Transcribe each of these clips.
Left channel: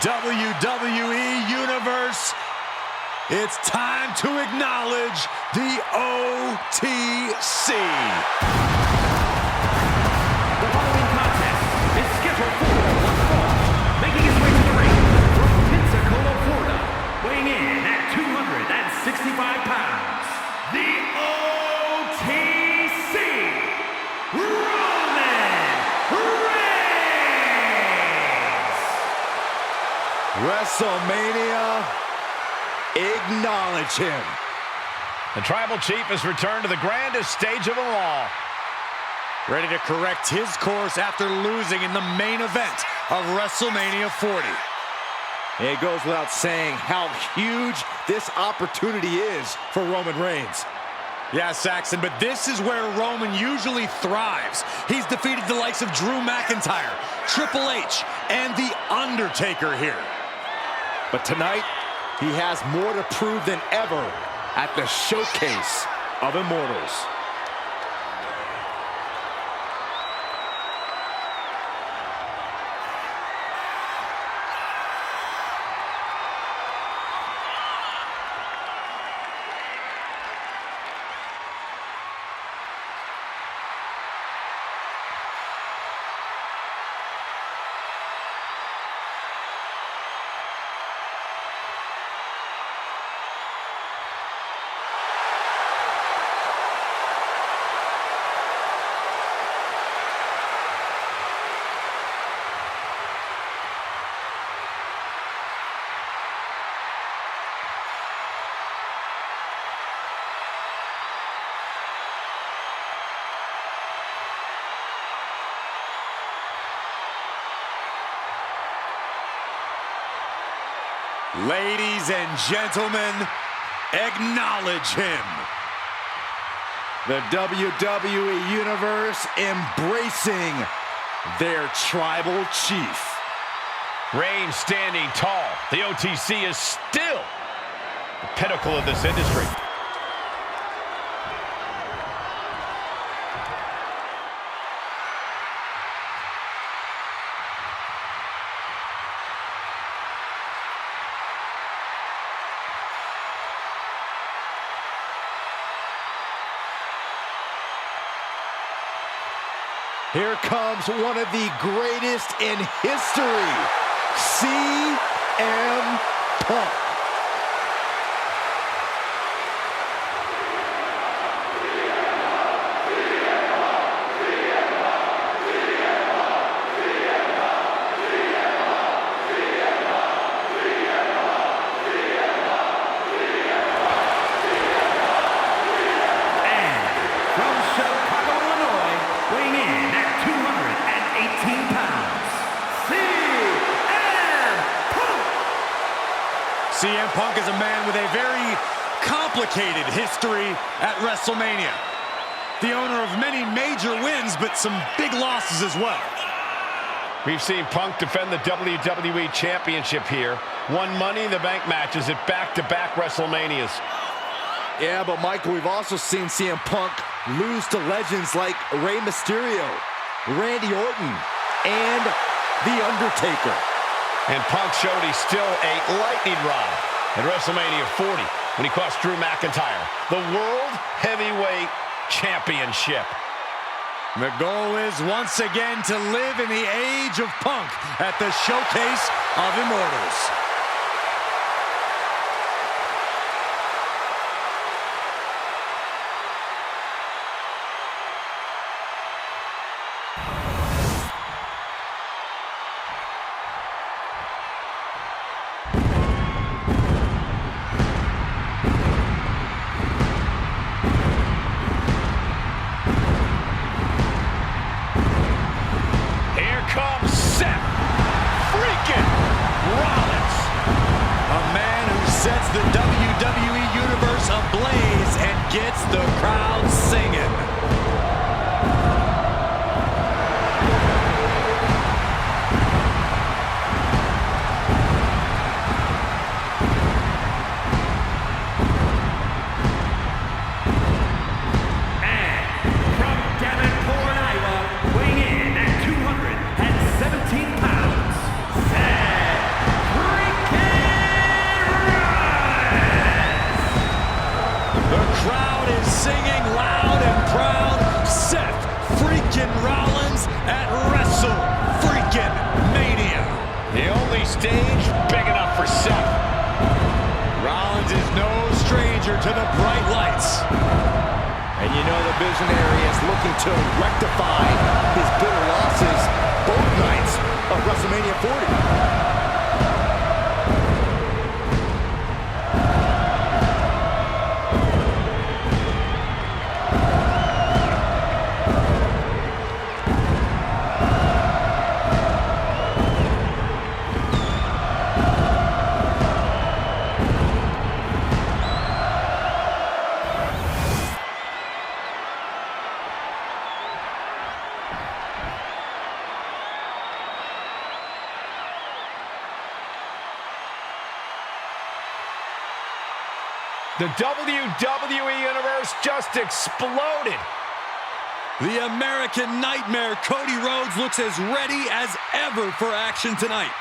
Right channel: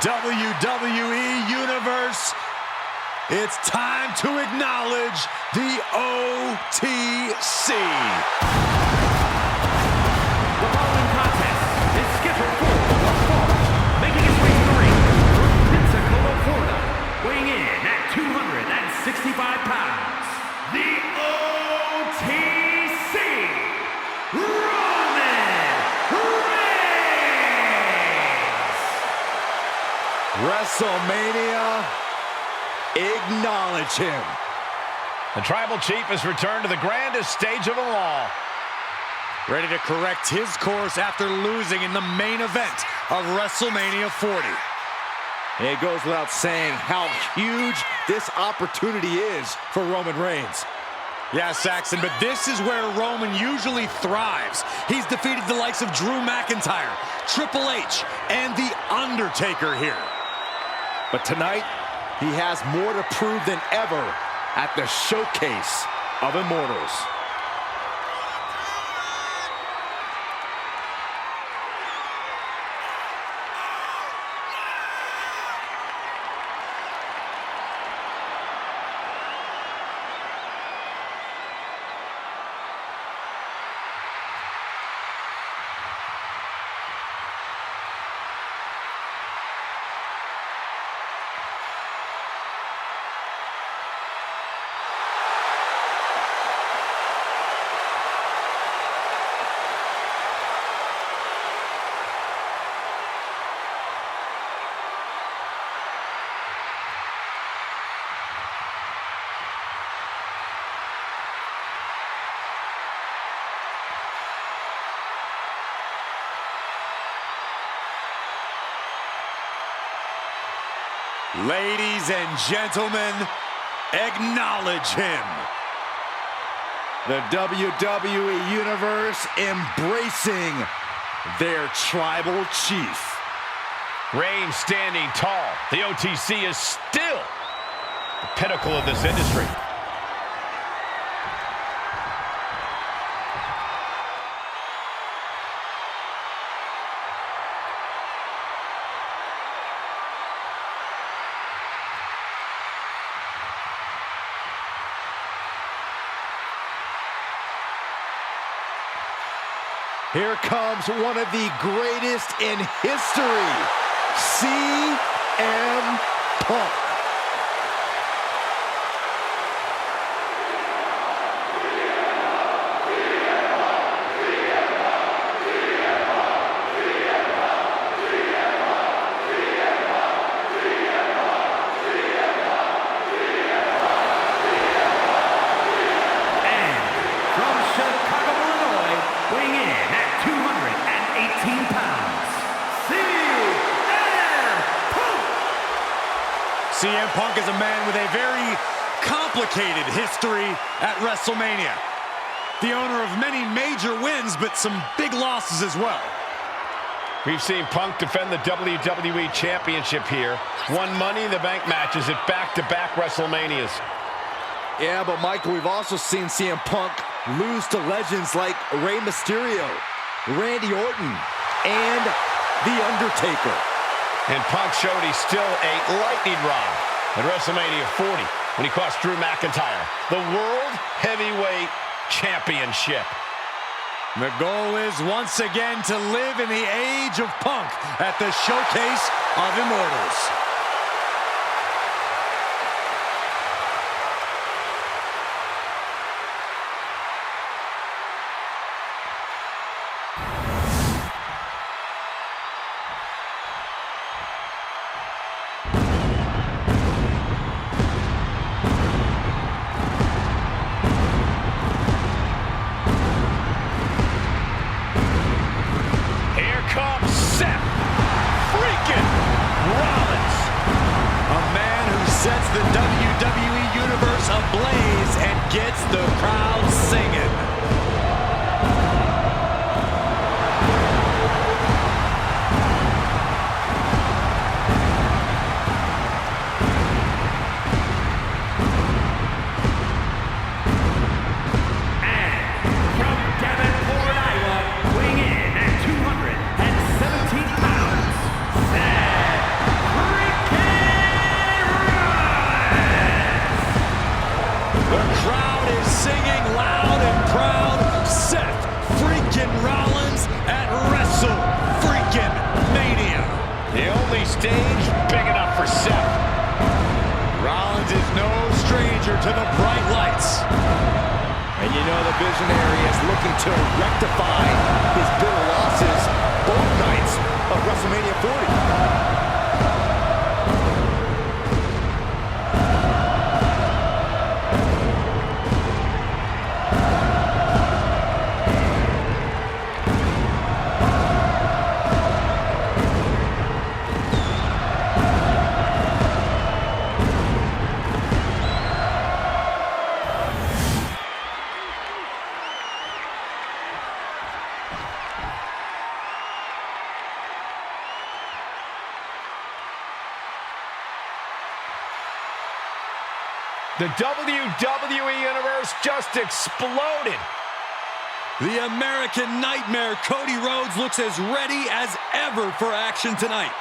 WWE Universe, it's time to acknowledge the OTC. The following contest is scheduled for one fall, making his way to the ring from Pensacola, Florida, weighing in at 265 pounds, the OTC, Roman Reigns! WrestleMania, acknowledge him. The Tribal Chief has returned to the grandest stage of them all. Ready to correct his course after losing in the main event of WrestleMania 40. It goes without saying how huge this opportunity is for Roman Reigns. Yeah, Saxon, but this is where Roman usually thrives. He's defeated the likes of Drew McIntyre, Triple H, and The Undertaker here. But tonight, he has more to prove than ever at the Showcase of Immortals. Ladies and gentlemen, acknowledge him. The WWE Universe embracing their Tribal Chief. Reigns standing tall. The OTC is still the pinnacle of this industry. Here comes one of the greatest in history, CM Punk. CM Punk is a man with a very complicated history at WrestleMania. The owner of many major wins, but some big losses as well. We've seen Punk defend the WWE Championship here, won Money in the Bank matches at back-to-back WrestleManias. Yeah, but Michael, we've also seen CM Punk lose to legends like Rey Mysterio, Randy Orton, and The Undertaker. And Punk showed he's still a lightning rod at WrestleMania 40 when he cost Drew McIntyre the World Heavyweight Championship. The goal is once again to live in the age of Punk at the Showcase of Immortals. Comes Seth freaking Rollins. A man who sets the WWE Universe ablaze and gets the crowd singing. stage big enough for Seth. Rollins is no stranger to the bright lights. And you know the visionary is looking to rectify his bitter losses both nights of WrestleMania 40. The WWE Universe just exploded. The American Nightmare, Cody Rhodes, looks as ready as ever for action tonight.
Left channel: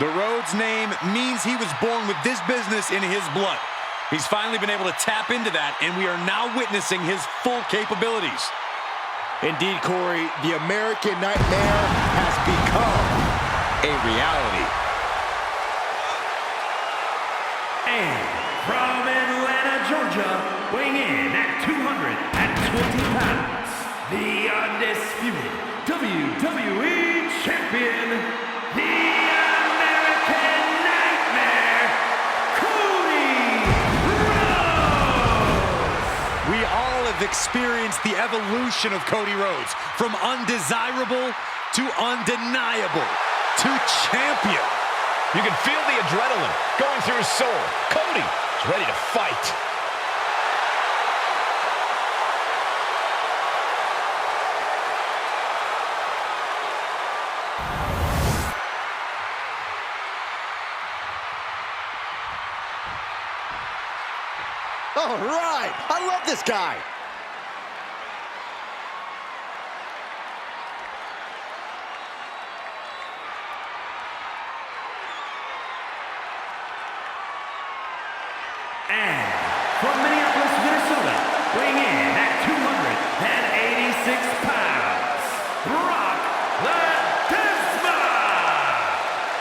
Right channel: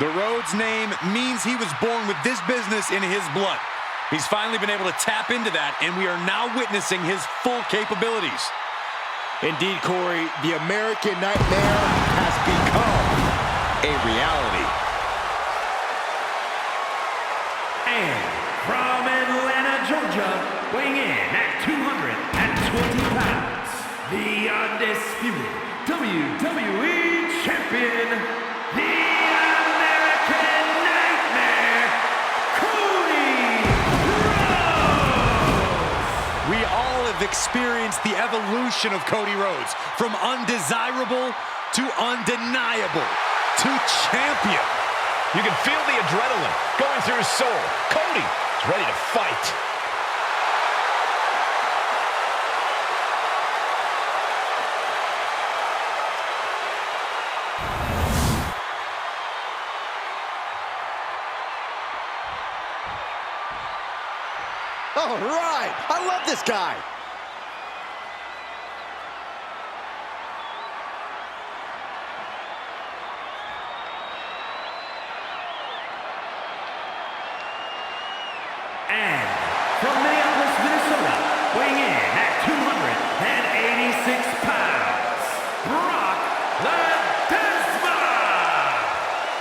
The Rhodes name means he was born with this business in his blood. He's finally been able to tap into that, and we are now witnessing his full capabilities. Indeed, Corey, the American Nightmare has become a reality. And from Atlanta, Georgia, weighing in at 220 pounds, the undisputed WWE Champion, the American Nightmare, Cody Rhodes! We all have experienced the evolution of Cody Rhodes, from undesirable to undeniable to champion. You can feel the adrenaline going through his soul. Cody is ready to fight. All right, I love this guy. And from Minneapolis, Minnesota, weighing in at 286 pounds, Brock Lesnar!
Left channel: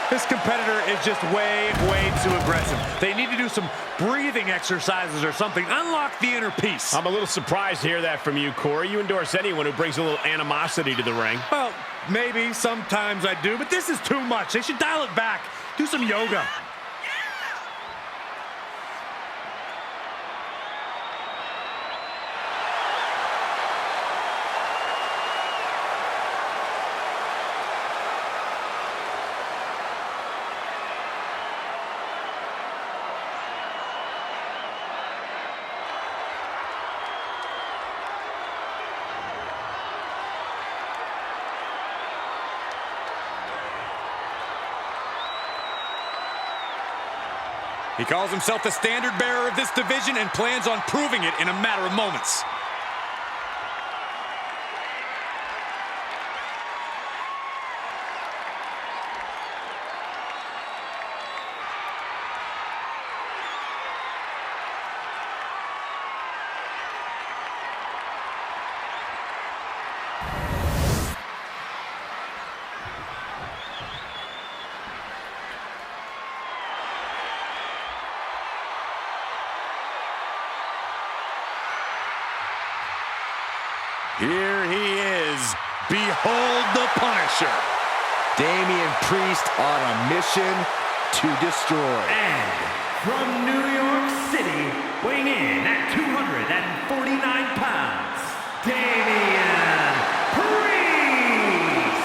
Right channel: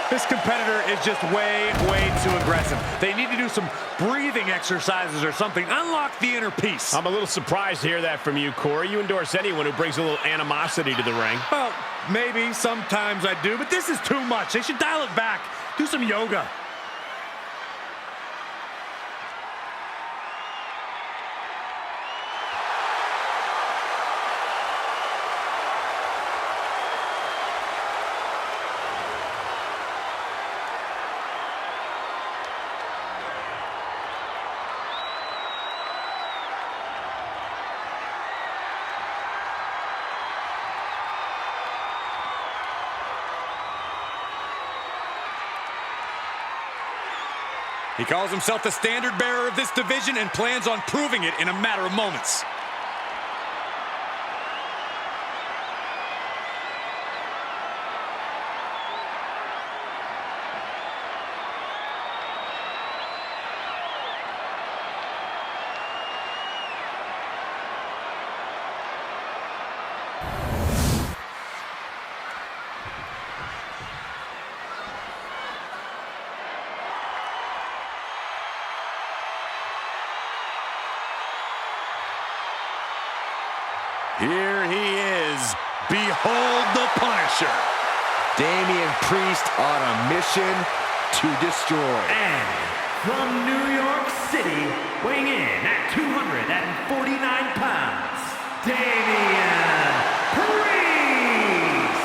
This competitor is just way too aggressive. They need to do some breathing exercises or something. Unlock the inner peace. I'm a little surprised to hear that from you, Corey. You endorse anyone who brings a little animosity to the ring. Well, maybe sometimes I do, but this is too much. They should dial it back. Do some yoga. He calls himself the standard bearer of this division and plans on proving it in a matter of moments. Here he is. Behold the Punisher. Damian Priest on a mission to destroy. And from New York City, weighing in at 249 pounds, Damian Priest!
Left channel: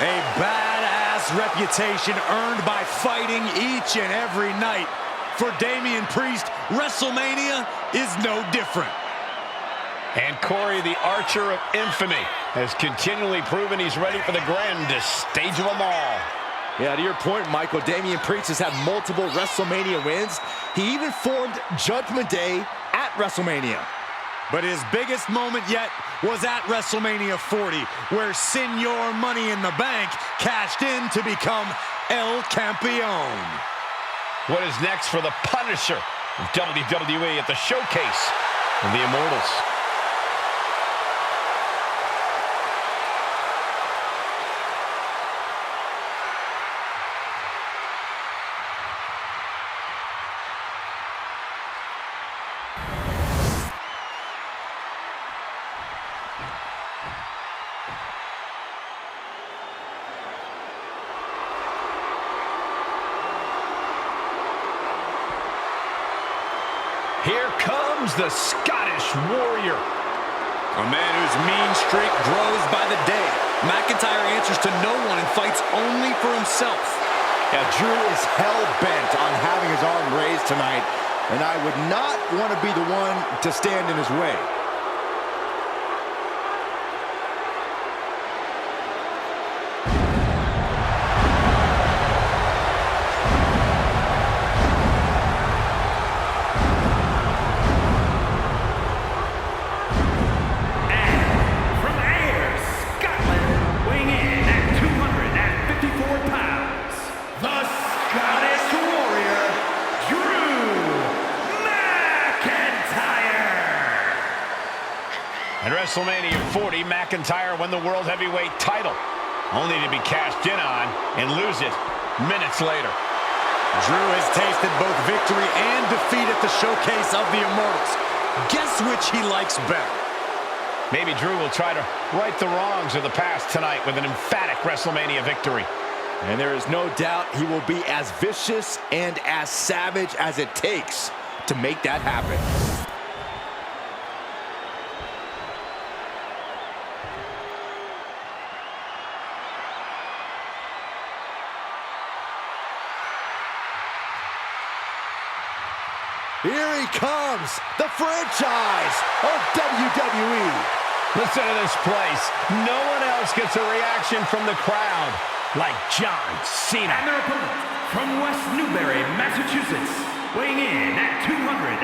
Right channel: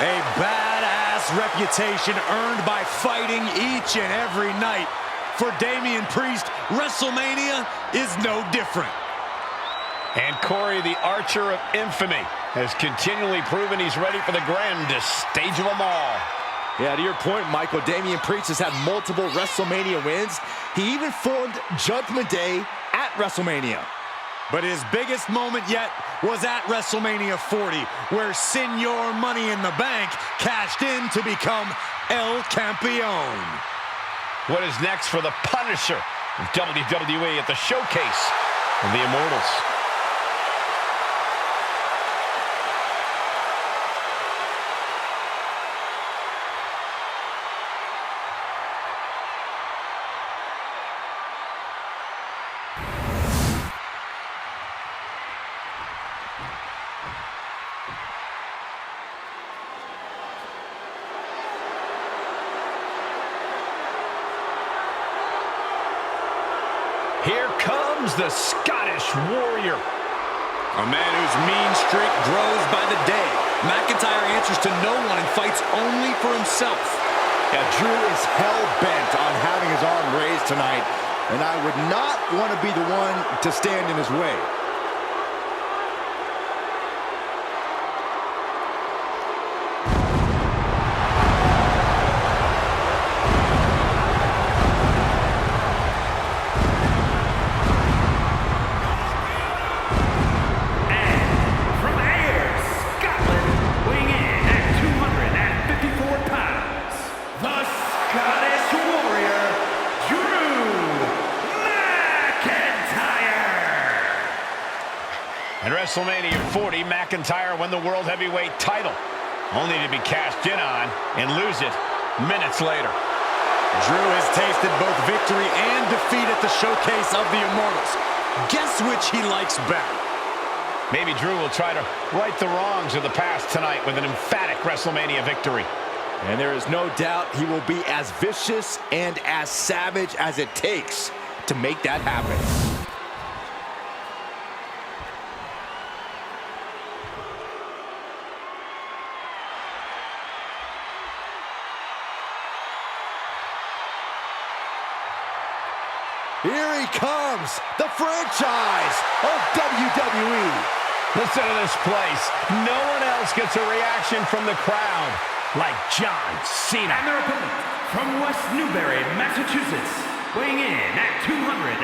A badass reputation earned by fighting each and every night. For Damian Priest, WrestleMania is no different. And Corey, the Archer of Infamy, has continually proven he's ready for the grandest stage of them all. Yeah, to your point, Michael, Damian Priest has had multiple WrestleMania wins. He even formed Judgment Day at WrestleMania. But his biggest moment yet was at WrestleMania 40, where Senor Money in the Bank cashed in to become El Campeon. What is next for the Punisher of WWE at the Showcase of the Immortals? Here comes the Scottish Warrior. A man whose mean streak grows by the day. McIntyre answers to no one and fights only for himself. Yeah, Drew is hell-bent on having his arm raised tonight, and I would not want to be the one to stand in his way. Scottish Warrior, Drew McIntyre. At WrestleMania 40, McIntyre won the World Heavyweight title, only to be cashed in on and lose it minutes later. Drew has tasted both victory and defeat at the Showcase of the Immortals. Guess which he likes better? Maybe Drew will try to right the wrongs of the past tonight with an emphatic WrestleMania victory. And there is no doubt he will be as vicious and as savage as it takes to make that happen. Here he comes, the franchise of WWE. Listen to this place. No one else gets a reaction from the crowd like John Cena. And their opponent from West Newbury, Massachusetts, weighing in at 251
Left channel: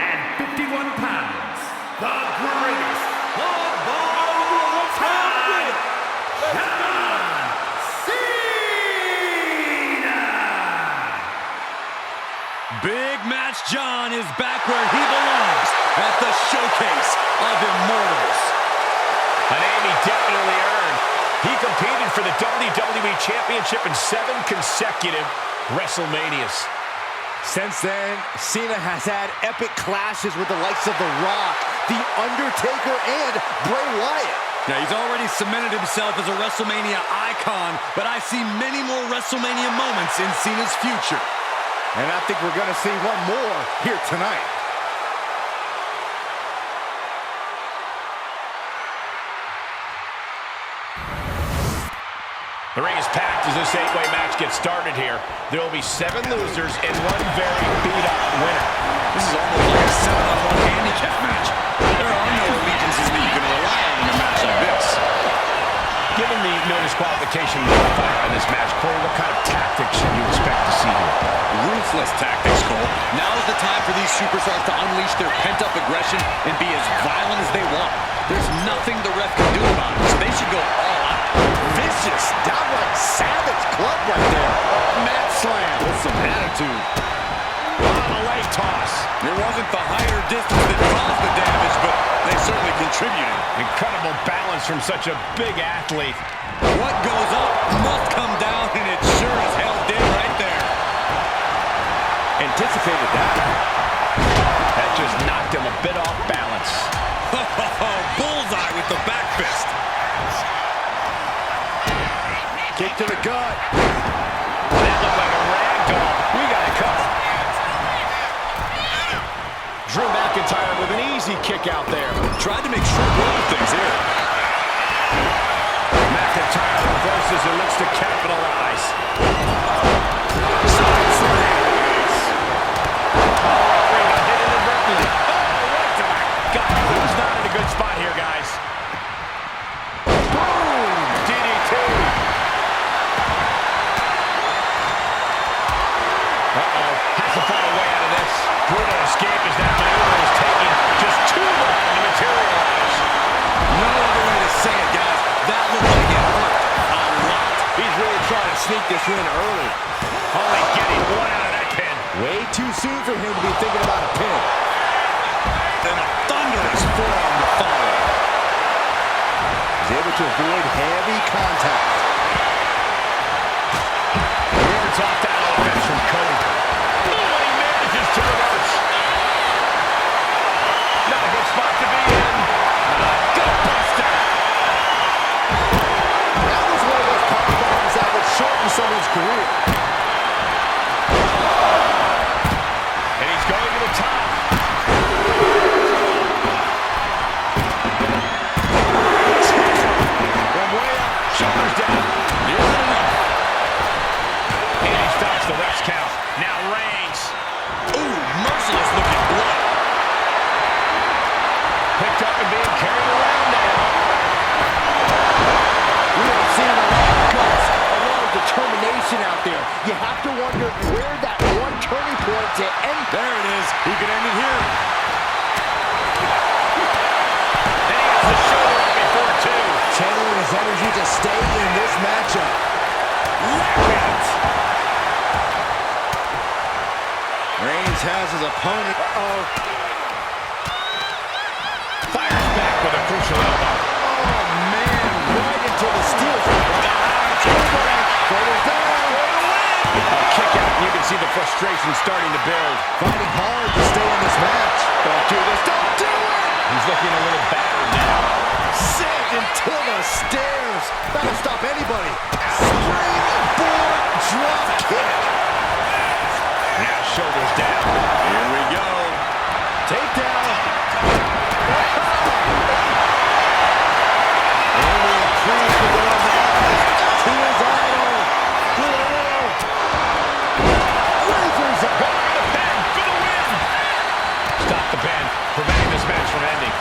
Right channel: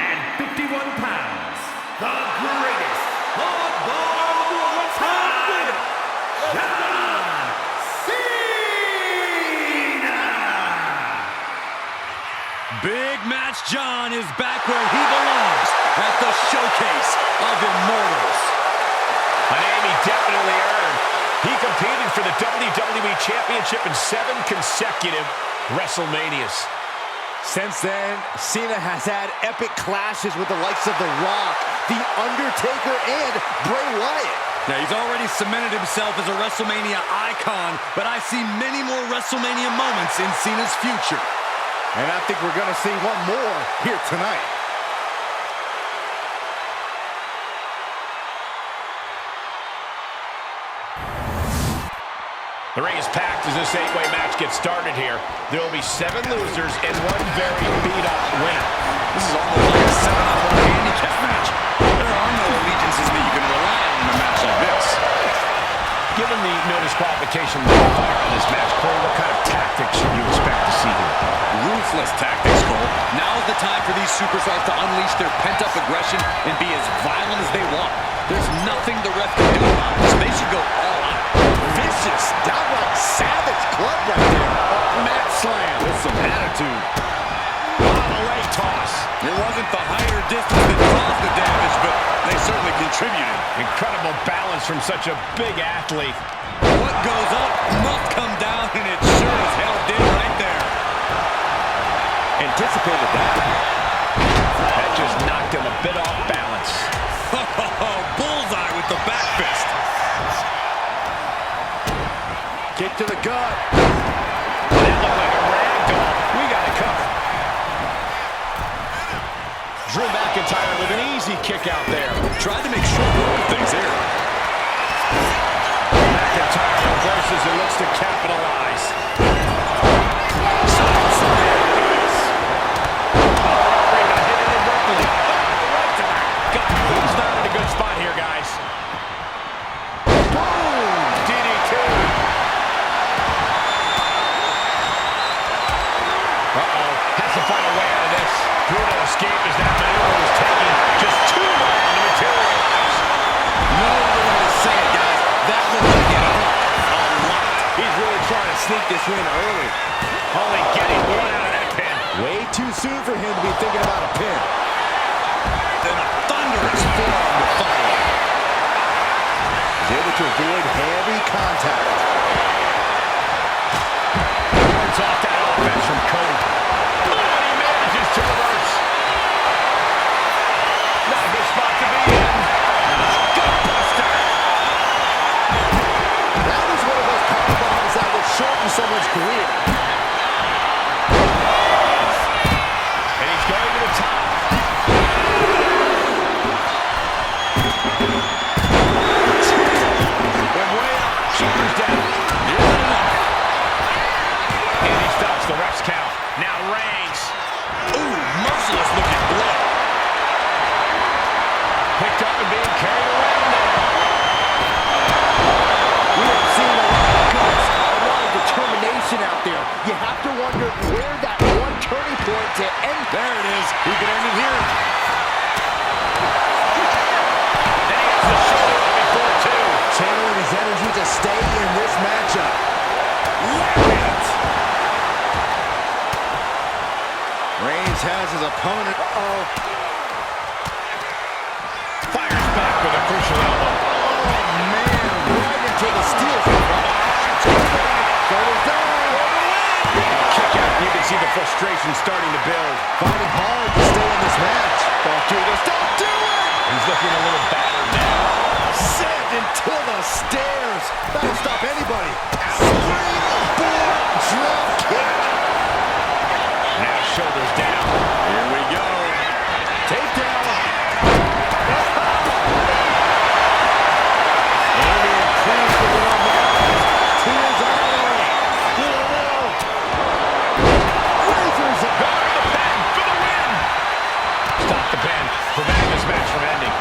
pounds, the greatest of all time, John Cena! Big Match John is back where he belongs at the Showcase of Immortals. A name he definitely earned. He competed for the WWE Championship in 7 consecutive WrestleManias. Since then, Cena has had epic clashes with the likes of The Rock, The Undertaker, and Bray Wyatt. Now, he's already cemented himself as a WrestleMania icon, but I see many more WrestleMania moments in Cena's future. And I think we're going to see one more here tonight. The ring is packed as this 8-way match gets started here. There will be 7 losers and 1 very beat-up winner. This is almost like a 7-on-1 handicap match. There are no allegiances that you can rely on in a match like this. Given the no disqualification modifier on this match, Corey, what kind of tactics should you expect to see here? Ruthless tactics, Cole. Now is the time for these superstars to unleash their pent-up aggression and be as violent as they want. There's nothing the ref can do about it, so they should go all out. Vicious, downright savage club right there. Mat slam with some attitude. On a leg toss. It wasn't the higher distance that caused the damage, but they certainly contributed. Incredible balance from such a big athlete. What goes up must come down, and it sure as hell did right there. Anticipated that. That just knocked him a bit off balance. Bullseye with the back fist. Kick to the gut. That looked like a rag doll. We got it covered. Drew McIntyre with an easy kick out there. Tried to make short work of things here. McIntyre reverses and looks to capitalize. Side slam. Oh, referee got hit inadvertently. Oh, right to the gut. He's not in a good spot here, guys. Boom! DDT. to sneak this win early. Only getting one out of that pin. Way too soon for him to be thinking about a pin. Then a thunderous forearm to follow. He's able to avoid heavy contact. Wards off that offense from Cody. Oh, and he manages to reverse. Not a good spot to be in. Gut buster. That was one of those power bombs that would shorten someone's career. And he's going to the top. From way up, shoulders down. Not enough. And he stops the ref's count. Now Reigns. Ooh, merciless looking blood. Picked up and being carried around now. We have seen a lot of guts, a lot of determination out there. You have to wonder where that one turning point to end. There it is. He could end it here. And he has the shoulder up before two. Channeling his energy to stay in this matchup. Lariat! Reigns has his opponent. Fires back with a crucial elbow. Oh, man. Right into the steel. Shoulders down. A kick out, and you can see the frustration starting to build. Fighting hard to stay in this match. Don't do this. Don't do it! He's looking a little battered now. Sent into the stairs. That'll stop anybody. Springboard drop kick. Now shoulders down. Here we go. Takedown. Damian Priest with an homage to his idol. With a little razors it. Going to the pen for the win. Stop the pen, preventing this match from ending.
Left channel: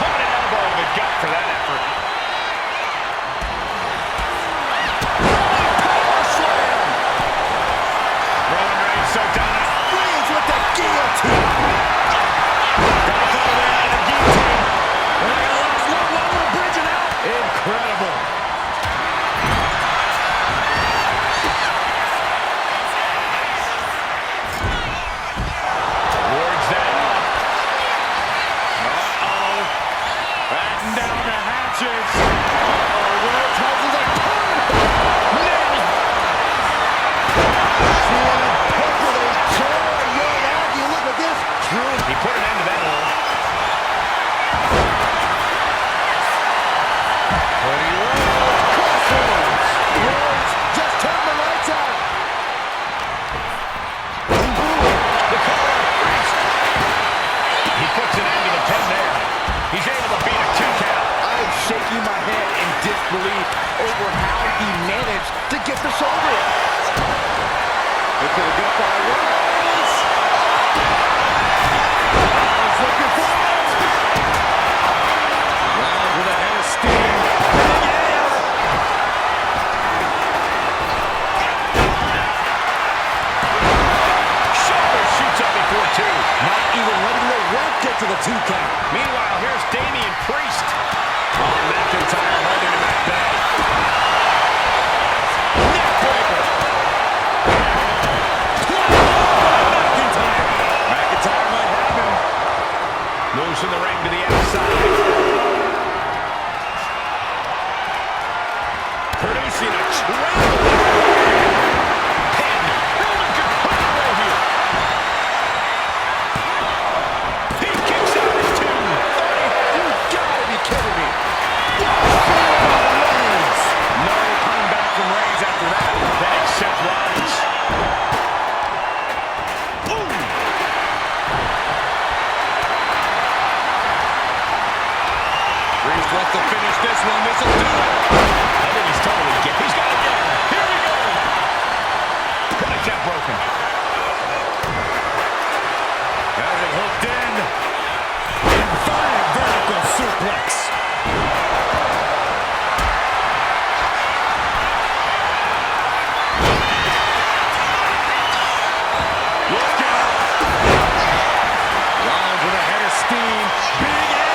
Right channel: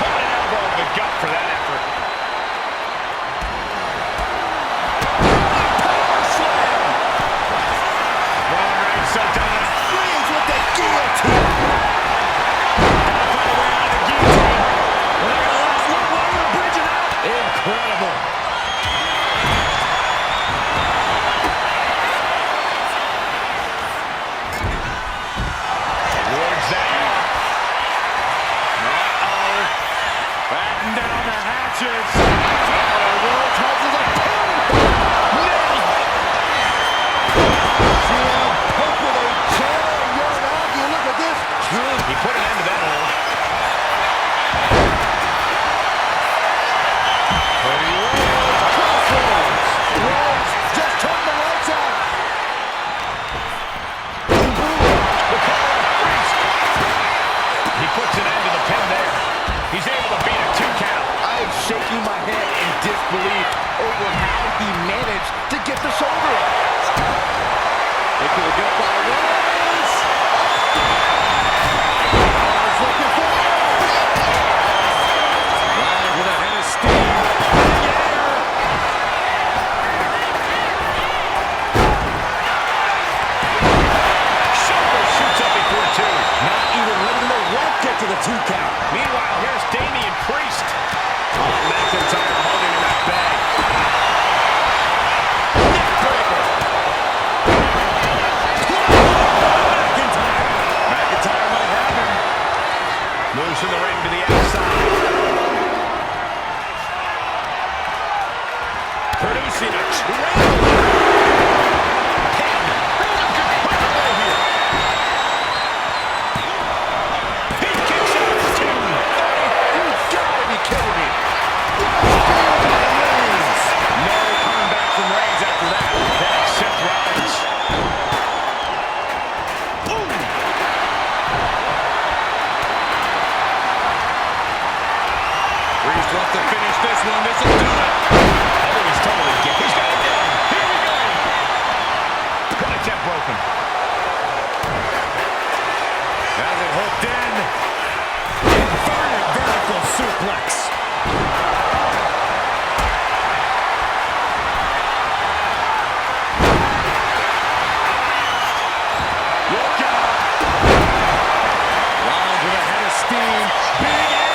Caught an elbow in the gut for that effort. Power slam. Roman Reigns so dominant. Reigns with the guillotine. Gotta find a way out of the guillotine. They're not gonna last long while we're bridging out. Incredible. Wards that off. Batten down the hatches. Rhodes has his opponent. Nailed. CM Punk with a jaw. Young look at this. Drew. He put an end to that hole. Cody Rhodes. Crossroads. Rhodes just turned the lights out. The collar of Priest. He puts an end to the pin there. He's able to beat a 2 count. I'm shaking my head in disbelief over how he managed to get the shoulder up. Look at the gut by Rhodes. Rhodes looking for it. Rollins with a head of steam. Big air. Shoulder shoots up before 2. Not even letting the ref get to the 2 count. Meanwhile, here's Damian Priest. Oh, McIntyre holding him at bay. Neckbreaker. McIntyre might have him. Moves from the ring to the outside. Producing a traveling pin. Roman could put it away here. He kicks out at 2. You gotta be kidding me. Reigns. No coming back from Reigns after that. Then it's Seth Rollins. Priest wants to finish this one. This will do it. I think he's totally get. He's got it down. Here we go. Contact broken. Has it hooked in. Inverted vertical suplex. Look out. Rollins with a head of steam. Big air.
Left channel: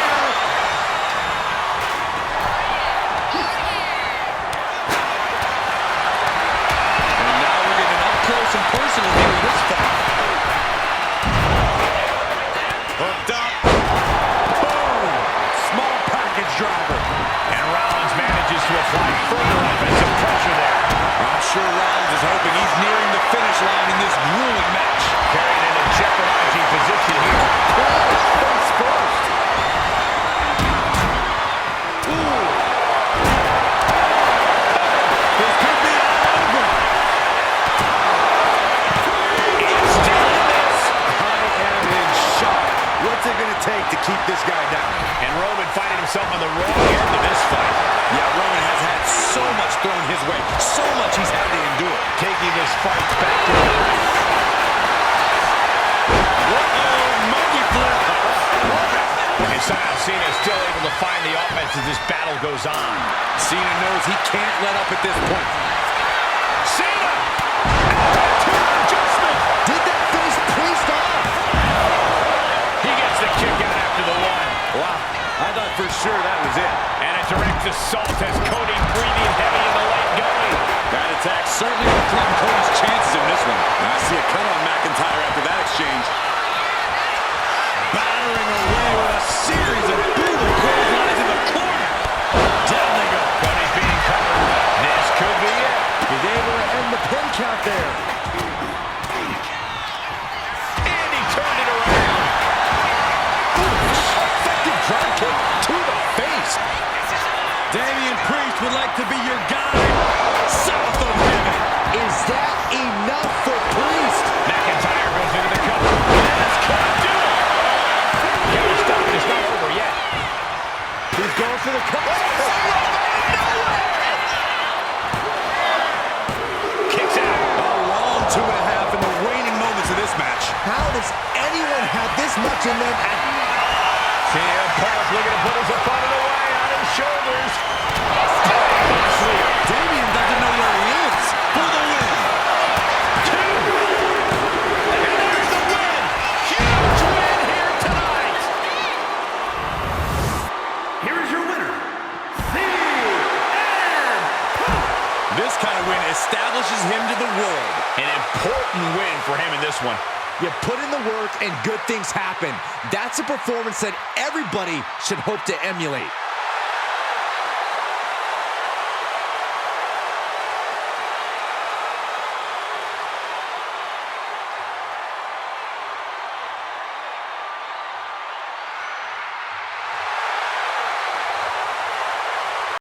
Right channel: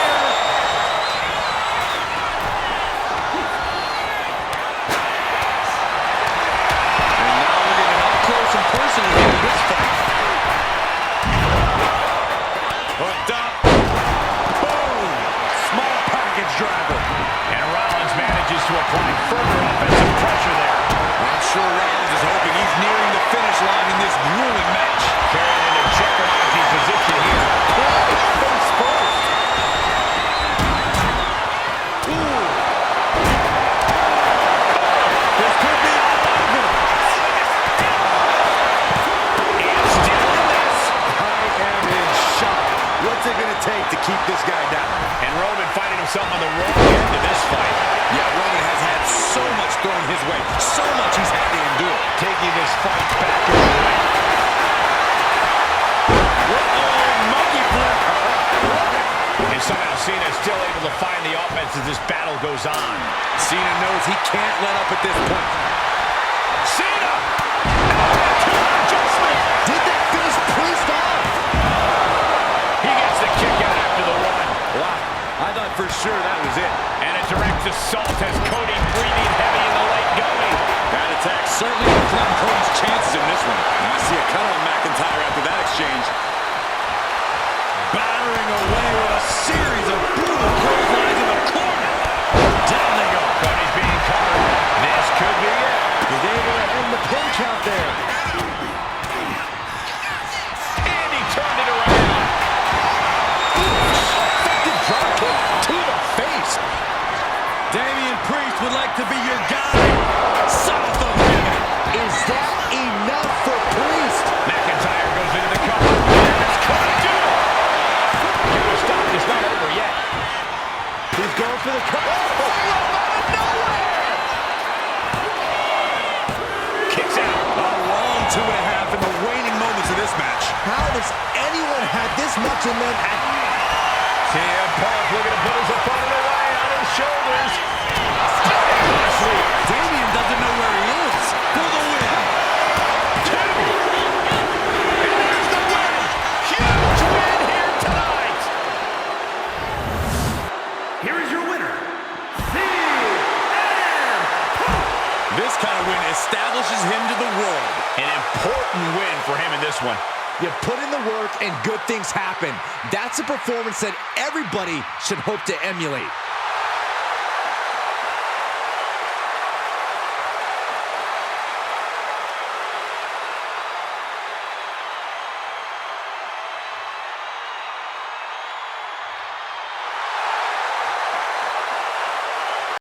applying further offensive pressure there. I'm sure Rollins is hoping he's nearing the finish line in this grueling match. Carrying into jeopardizing position here. Face first. Ooh. This could be all over. It's still in this. I am in shock. What's it going to take to keep this guy down? And Roman finding himself on the wrong end of this fight. Yeah, Roman has had so much thrown his way. So much he's had to endure. Taking this fight back to the ring. Uh-oh, monkey flip. And somehow Cena is still able to find the offense as this battle goes on. Cena knows he can't let up at this point. Cena! Adjustment! Did that finish Priest off? He gets the kick out after the one. Wow, I thought for sure that was it. And a direct assault has Cody breathing heavy in the late going. That attack certainly will threaten Cody's chances in this one. And I see a cut on McIntyre after that exchange. Battering away with a series of brutal clotheslines in the corner. Down they go. Cody's being covered. This could be it. He's able to end the pin count there. And he turned it around. Effective drop kick to the face. Damian Priest would like to be your guy. South of heaven. Is that enough for Priest? McIntyre goes into the cover. That's gonna do it. Counter stop is not over yet. He's going for the cover. Kicks out. A long 2.5 in the waning moments of this match. How does anyone have this much in them at... CM Punk looking to put his opponent away on his shoulders. Damian doesn't know where he is. For the win. 2. And there's the win. Huge win here tonight. Here is your winner, CM Punk. This kind of win establishes him to the world. An important win for him in this one. You put in the work and good things happen. That's a performance that everybody should hope to emulate.